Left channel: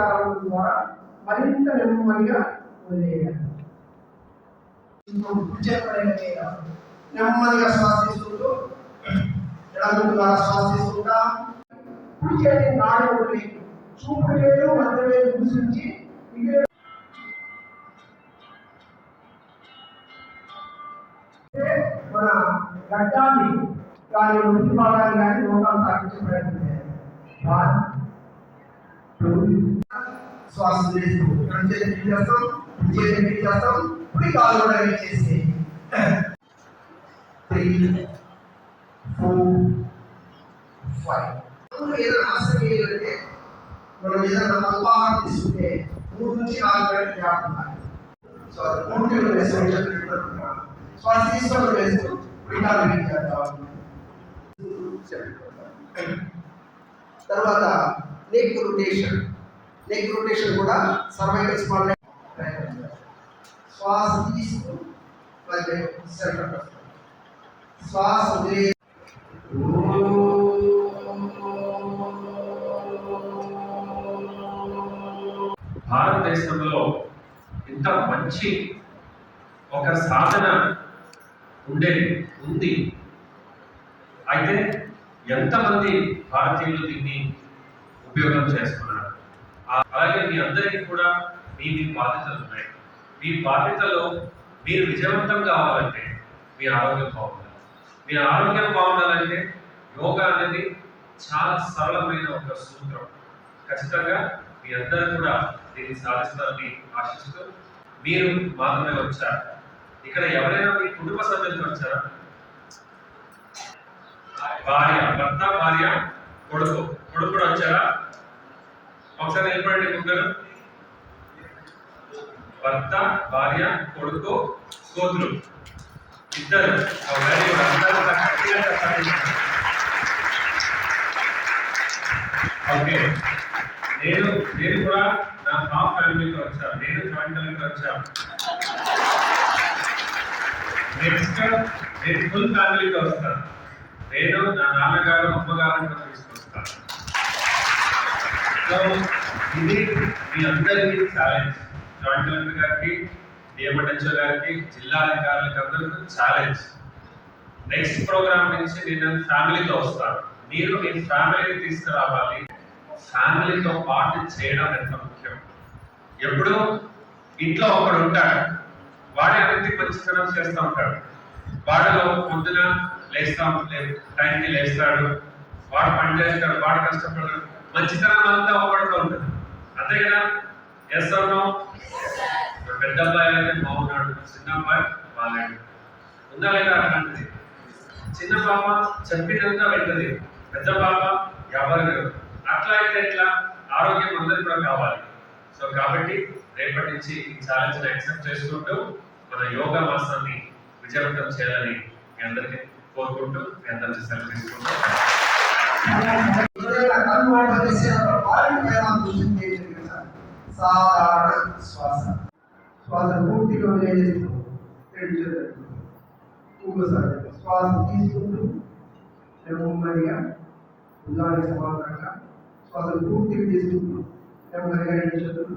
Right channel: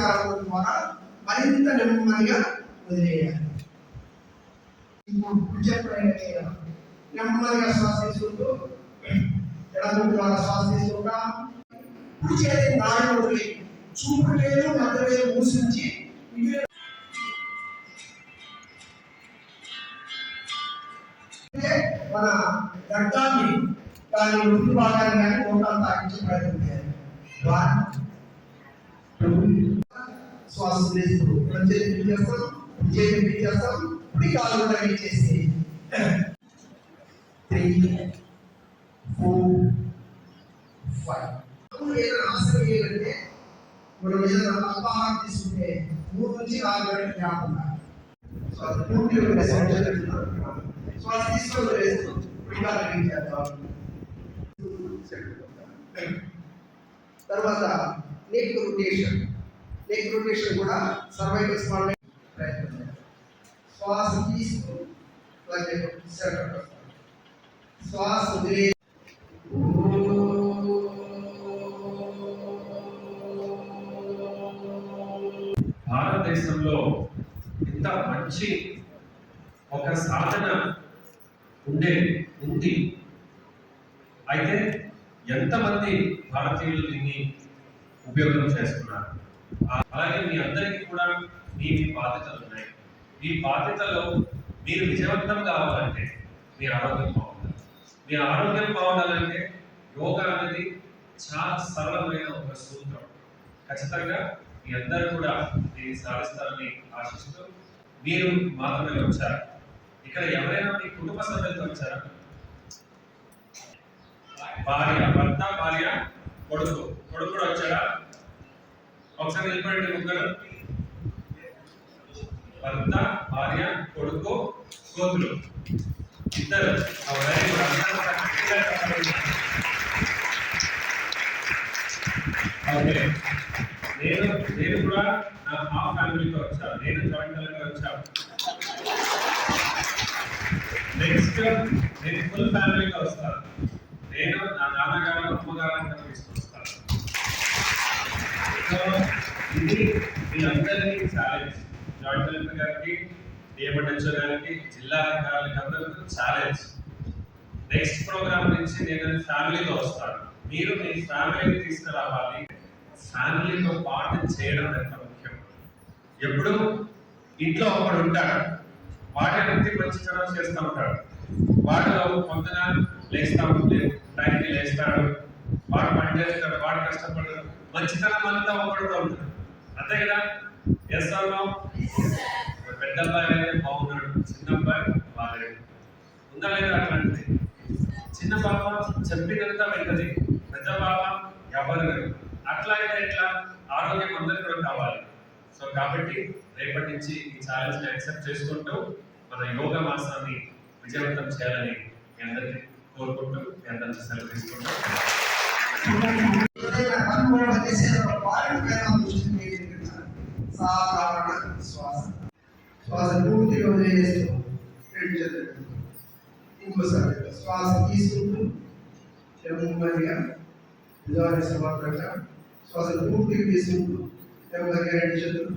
ప్రసారం ద్వారా మరింత నెమ్మదిగా వదిలేయాలి. నెమ్మదిగా శ్వాస తీసుకుంటూ ఎడముగా శ్వాస తీసుకుంటా. కుడి చేతి నాలుగు వదిలి చూపు వేలు మధ్య వేలు మూసించి మన గడ్డాన్ని దాని ముందు భాగాన్ని కానీ నోటాలు తాకించే ప్రయత్నం చేయాలి. శ్వాస చేస్తూ ఎడం చేతి చేస్తాం, చేతి చేస్తాం, కుడి కాలు కూడా చేసి 3, 4, 5 ఏదైనా ఆసనం ఏంటంటే మనం ఏదైనా అల్పాహారం తీసుకుంటే 3 నుంచి 4 గంటలు గ్యాప్ ఉండాలి. సో అది పూర్తి శ్వాస తీసుకోవడం వేస్తూ పిటాలు చేద్దాం. తర్వాత నెక్ రొటేషన్ కూడా సర్వైకల్ స్పాండిలైటిస్ శ్వాస తీస్తూ మధ్య సెంటర్ శ్వాస వదిలే భారతదేశంలో ఇంత మంచి ఒక సాధన ఉంది. అయితే ఎంతమంది భారతీయులు దీన్ని ఉపయోగం చేసుకున్నారు? అలాగే మీ అందరికీ కూడా మీ బాధ్యతలు ఉన్నాయి. మీ బాధ్యతలో మీరు విజయవంతం కావాలంటే మీ ఆరోగ్యం బాగుండాలి. మీ ఆరోగ్యం బాగుండాలంటే యోగా అనేది చాలా సరళమైన ఒక సూత్రం. ఖచ్చితంగా మీ అందరూ కూడా దీన్ని సాధిస్తారని ఆశిస్తూ మీరు మాత్రమే వచ్చారు. ఇక్కడ ఎవరైనా మీ కుటుంబ సభ్యులతో వచ్చారా? భర్త, భార్య, కొడుకు కూడా వచ్చారా? ఒకసారి నిలబడండి ముగ్గురు. భర్త, భార్య, కొడుకు, కూతురు ఇద్దరు. ఓకే, నేను కూడా నా హాఫ్ ఫ్యామిలీతో వచ్చాను. నేను జాయింట్ ఫ్యామిలీతో వచ్చాను. నెక్స్ట్ నేను ఫుల్ ఫ్యామిలీతో వస్తాను. నేను నా నాన్నగారు అమ్మగారిని కూడా తీసుకొస్తాను. సో ఇది మీ అందరికీ ఛాలెంజ్. జాయింట్ కలెక్టర్ గారికి, డిఎంహెచ్ఓ గారికి, జిల్లా అధికారులకి అందరికీ ఛాలెంజ్. నెక్స్ట్ ప్రోగ్రామ్ నుంచి నేను ఫ్యామిలీతో వస్తాను. మీరు మీ ఫ్యామిలీని తీసుకురావాలి. ఫ్యామిలీతో పాటు చేయడం ఎంత ముఖ్యం. ఎప్పుడు ఇంట్లో ఒకడు ఉంటాడు, వాడి అన్ని మంచితనం చేస్తూ ఉంటాడు. వాడిలో పొద్దున టైంకి లేస్తాడు, వాడు పని చేస్తాడు, వాడు కష్టపడతాడు. మంచితనం అంతా ఒకటితో ఉంటుంది. అంతే కదా? ఎస్ అవును. పెద్ద అబ్బాయి అయితే బాగున్నాడు, చిన్న అబ్బాయి బాగాలేడు. ఉందా లేదా? అట్లాంటిది. చిన్న పాప చెప్పినంత వింటది, పెద్ద పాప ఎవరు. అట్లా అయితే ఎట్లా? ఆరోగ్యం అందరికి కూడా కావాలి. సో కాబట్టి రేపటి నుంచి ఈ ఛాలెంజ్ని యాక్సెప్ట్ చేసుకుంటూ మన యోగా మాసాన్ని విజయవంతం చేయాలని మీ అందరికీ కోరుకుంటూ మీ అందరికీ సెలవు తీసుకుంటాం. సాధారణ శ్వాస పూర్తిగా వేస్తూ ఇంకోసారి శ్వాస తీసుకుంటూ నెమ్మదిగా భుజాన్ని సమాంతరంగా శ్వాస పూర్తిగా తీసుకుంటూ నెమ్మదిగా 2 చేతులు